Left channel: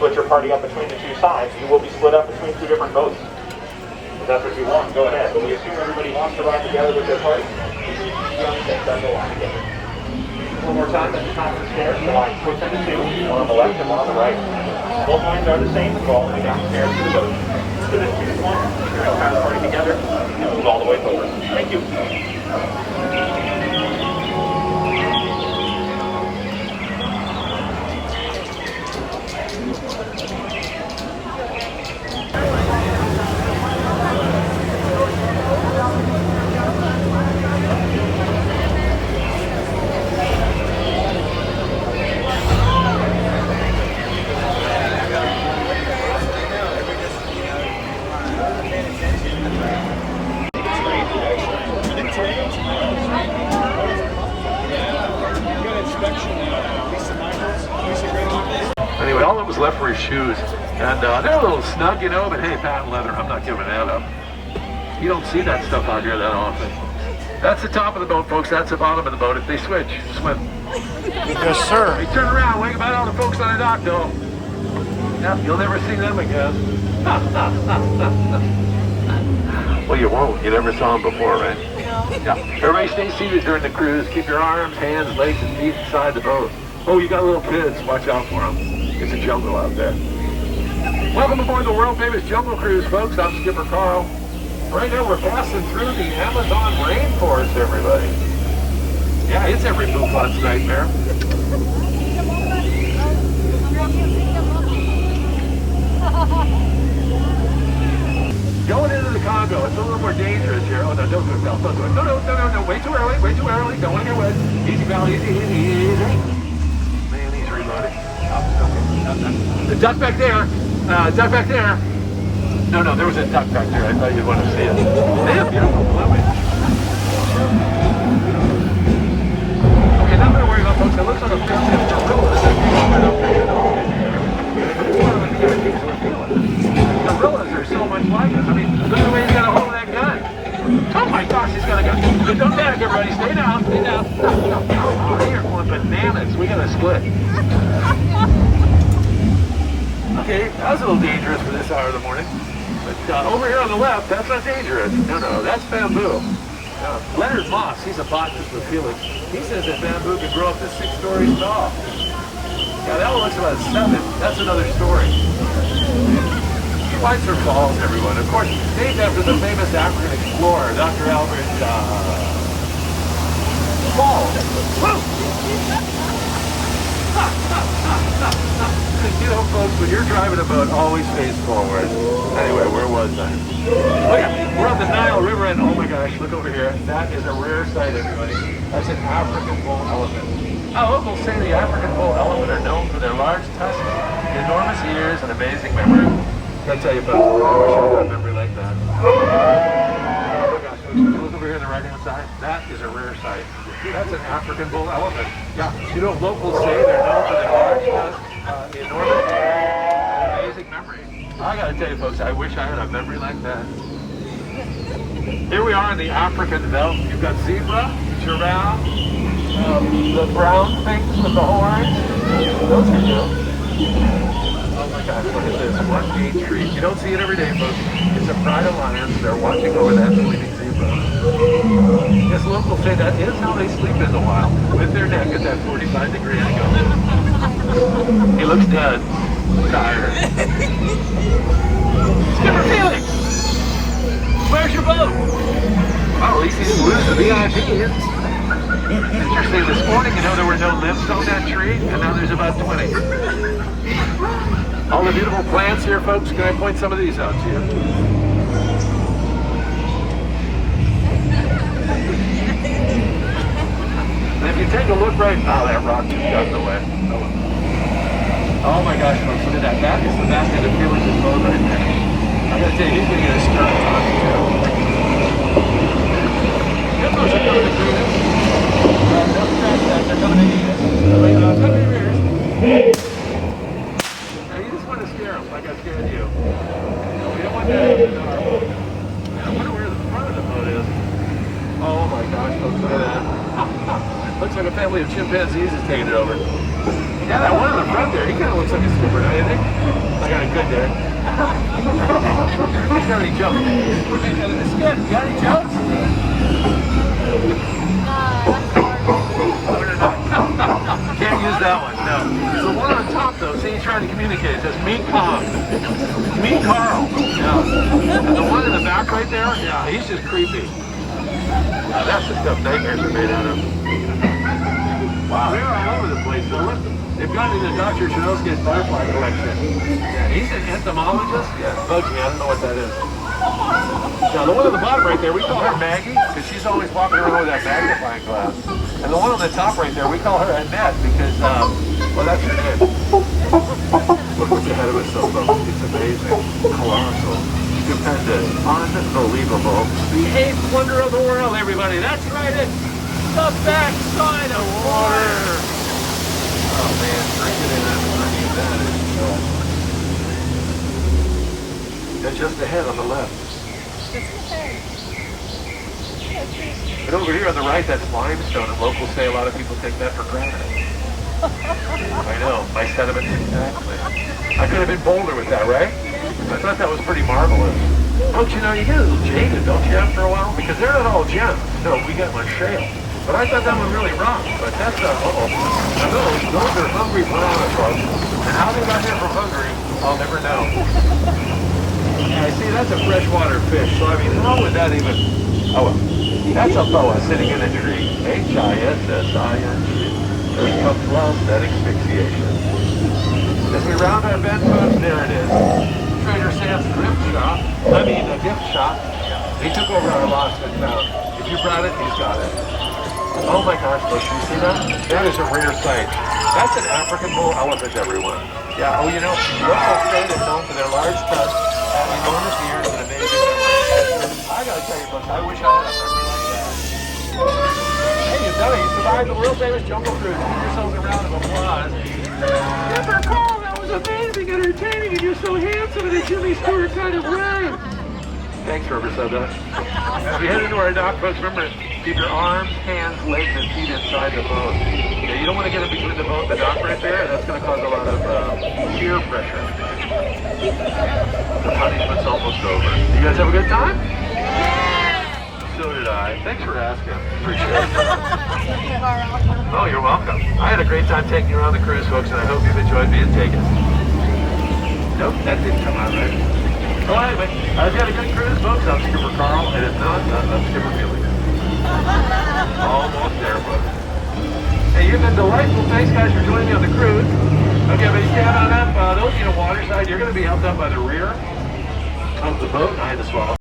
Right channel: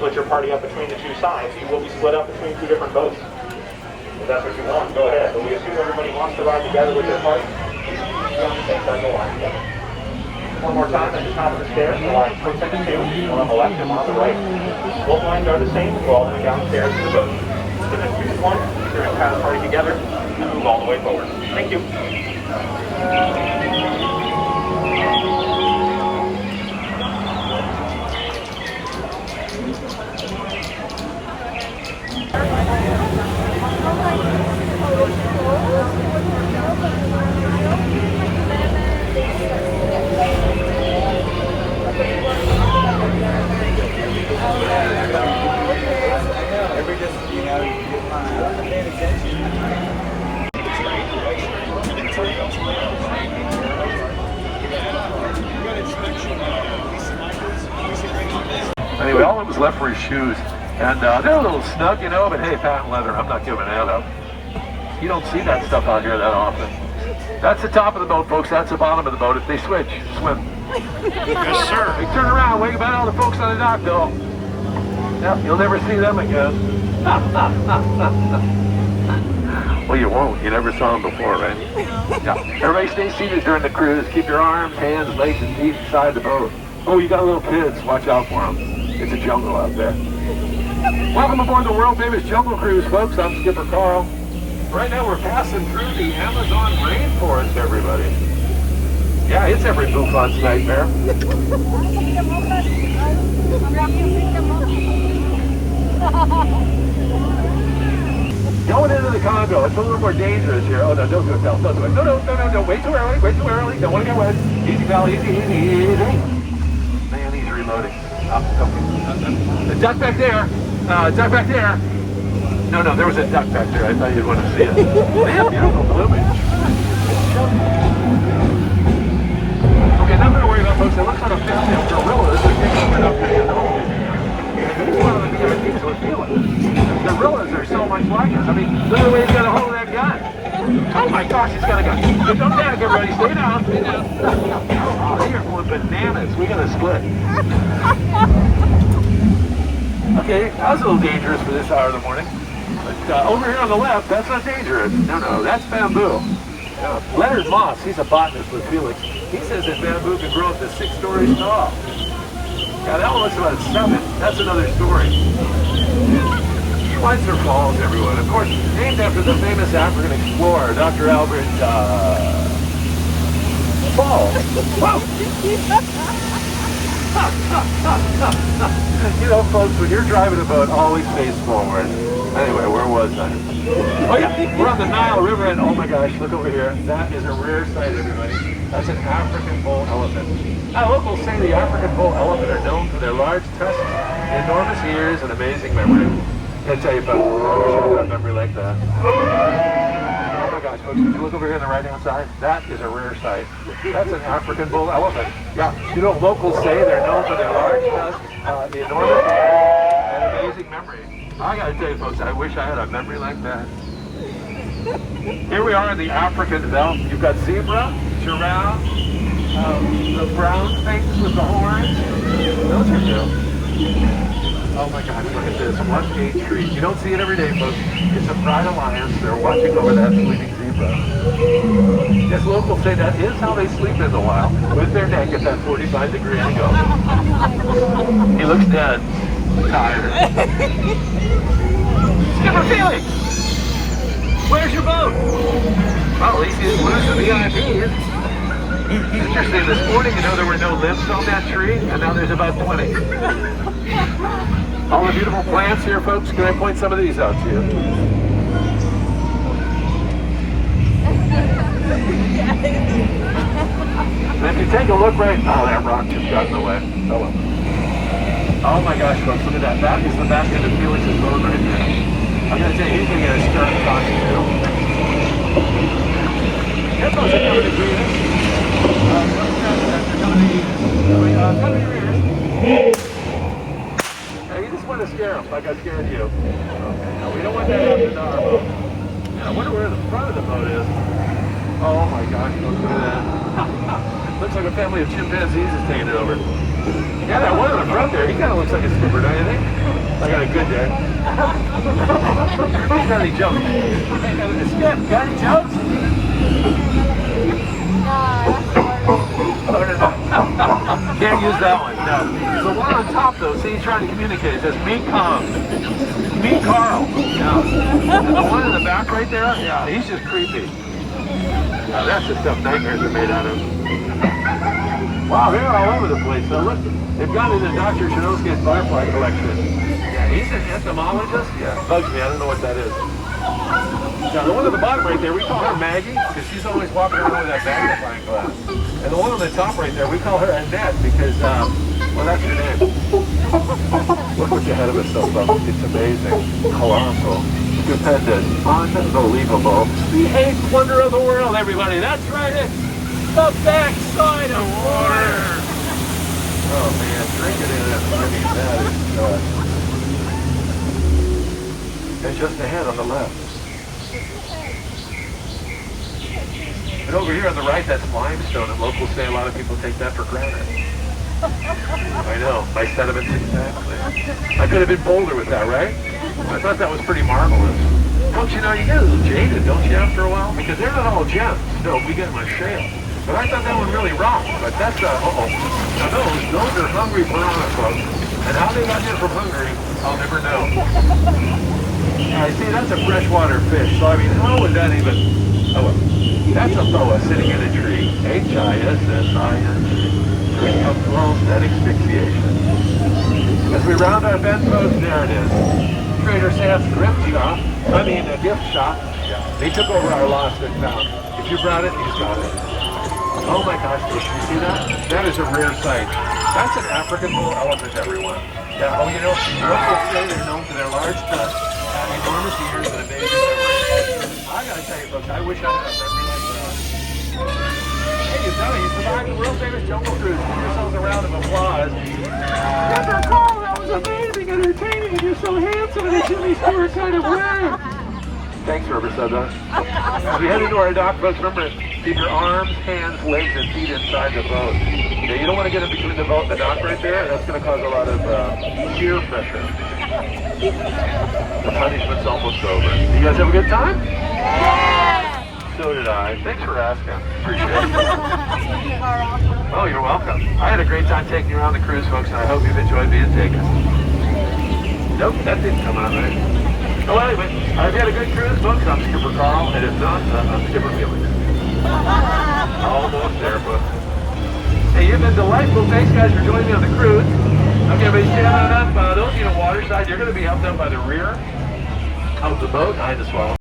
split your party up between the two sides. You will be split up between two different boats. If that's what you want, go ahead. But we assume everybody wants to ride together with their party. You on the same side, go line together. One more time at the top of the stairs, line 4 to 2, one on the left and one on the right. Both lines are the same, go all the way downstairs to the boat. So just use one, you're going to tie the party together, and move all the way forward. Thank you. Anyway, all that was left were his shoes, and they're a little snug, you know, but hey, patent leather, I'm not giving that up. You don't see that stuff out here that often. That's the top of the boat, folks. That's the bottom of the boat. If they switch, swim. Yes, sir. Hey, turn around. Wait about all the folks on the dock, though. Yep, you'll never see them again. Well, you won't. You never saw them before, right? Yeah. Everybody stay seated during the cruise. Keep your arms, hands, legs, and feet inside the boat. Oh, you got little kids. Watch out for them. It's a jungle out there. Welcome aboard the world famous jungle cruise, folks. I'm Skipper Carl. Right now we're passing through the Amazon rainforest, everybody. Yeah, it's every bouffant's nightmare. Going into the Congo, it's a little more dangerous here. Oh no, don't do it, Val. Don't do it. No. Way too early, way too early. Don't want to get wet. Easy, Val, easy. Man, he's reloading. The duck back there. Duck back there. No, there was a duck back there. I thought you'd want to see it. Yeah, beautiful plumage. Okay, now we're going to worry about folks. It looks like a family of gorillas. I think I'm right up the gorillas are so much like us. I mean, look at the way he's got a hold of that gun. Oh my gosh, he's got a gun. Don't lag, everybody. Stay down. Stay down. Oh, they are going bananas. We got to split. Okay, that was a little dangerous for this hour of the morning. But over here on the left, that's not dangerous. No, that's bamboo. Leonard Moss, he's a botanist with Felix. He says that bamboo can grow up to 6 stories tall. Now that one looks about 7. That's another story. Schweitzer Falls, everyone. Of course, named after the famous African explorer, Dr. Albert Fall. Whoa! You know, folks, when you're driving a boat, always face forward. Anyway, where was I? Oh yeah, we're on the Nile River, and oh my gosh, look over here. That is a rare sight, everybody. That's an African bull elephant. Locals say the African bull elephant are known for their large tusks, enormous ears, and amazing memory. I'll tell you, folks, I wish I had a memory like that. Oh my gosh, folks, would you look over here on the right-hand side? That is a rare sight. That's an African bull elephant. Yeah, you know, locals say they're known for their large tusks, the enormous ears, and amazing memory. I gotta tell you, folks, I wish I had a memory like that. Here we are in the African veldt. You've got zebra, giraffe, the brown things with the horns. Those are new. Oh my gosh, look at this. What a treat. You don't see it every day, folks. It's a pride of lions. They're watching over that sleeping zebra. Yes, locals say that is how they sleep in the wild, with their neck at that 45-degree angle. He looks dead. Tired. Skipper Felix! Where's your boat? Well, at least he didn't lose the VIPs. Interesting, this morning, you know, there were no limbs on that tree, and now there's about 20. All the beautiful plants here, folks. Can I point some of these out to you? And if you take a look right now, that rock just got in the way. Oh my gosh, folks, look at that. That is the best of the Felix's boat right there. I'm going to tell you, he's going to get a stern talking to. That goes up to do this. They're coming to eat us. Now, you just want to scare them like I scared you. Okay, no, we don't want that out in our boat. Man, I wonder where the front of the boat is. Oh my gosh, folks, look at that. Looks like a family. family of chimpanzees is taking it over. Yeah, that one in the front there, he kind of looks like a skipper, don't you think? I got a good day. He's got any jokes? Got any jokes? Can't use that one, no. The one on top though, see, he's trying to communicate. It says, meet Carl. Meet Carl. Yeah. The one in the back right there, yeah, he's just creepy. Yeah, that's the stuff nightmares are made out of. Wow, they're all over the place. So look, they've got into Dr. Chinosky's butterfly collection. He's an entomologist? Yeah, bugs me, I don't know what that is. Now, the one at the bottom right there, we call her Maggie, because she's always walking around with that magnifying glass. And the one on the top right there, we call her Annette, because, well, that's her name. Look what you had of us so well. It's amazing, colossal, stupendous, unbelievable. The eighth wonder of the world, everybody. That's right, it's the backside of water. Oh, man, drinking in that money, that is and just ahead on the left. And over here on the right, that's limestone, and locals say a lot of people take that for granite. I know, my sentiment exactly. I could have been bolder with that, right? I thought that was pretty marvelous. Don't you know, you get a little jaded, don't you, after a while? Because they're not all gems. No, we get much shale. But I thought that was really rock. But that's, uh-oh. Now those are hungry piranha, folks. And how they got here from Hungary, I'll never know. I see, that's a freshwater fish, so I mean, how would that even... Oh, well. That's a boa sitting in a tree. H-I-S-S-I-N-G. That asphyxiation. As we round our bend post, there it is. Trader Sam's gift shop. A gift shop. They took over our lost and found. If you brought it, you got it. Oh my gosh, look, you see that? That is a rare sight. That's an African bull elephant, everyone. Yeah, oh, you know, local state is known for their large tusks, enormous ears, and amazing memory. I gotta tell you, folks, I wish I had a memory like that. Hey, you know, you survived the world-famous jungle cruise. Give yourselves a round of applause. Mr. Carl, that was amazing, entertaining, and you're so handsome in a Jimmy Stewart kind of way. Thanks, Riverside. As we head into our dock, folks, remember, keep your arms, hands, legs, and feet inside the boat. You don't want to get in between the boat and the dock right there. That's going to cause a lot of shear pressure. The punishment's almost over. You guys have a good time? So did I. Thanks for asking. Appreciate it. Oh, you're welcome. I had a great time taking you around the cruise, folks, and I hope you've enjoyed being taken. Nope, that didn't come out right. All right, but I've had a good cruise, folks. I'm Skipper Carl, and if not, I'm Skipper Billy. Almost there, folks. Hey, you've been delightful. Thanks, guys, for joining me on the cruise. Okay, everybody, stand on up. Those of you on the water side, you're going to be helped up by the rear of the boat. I had to swallow.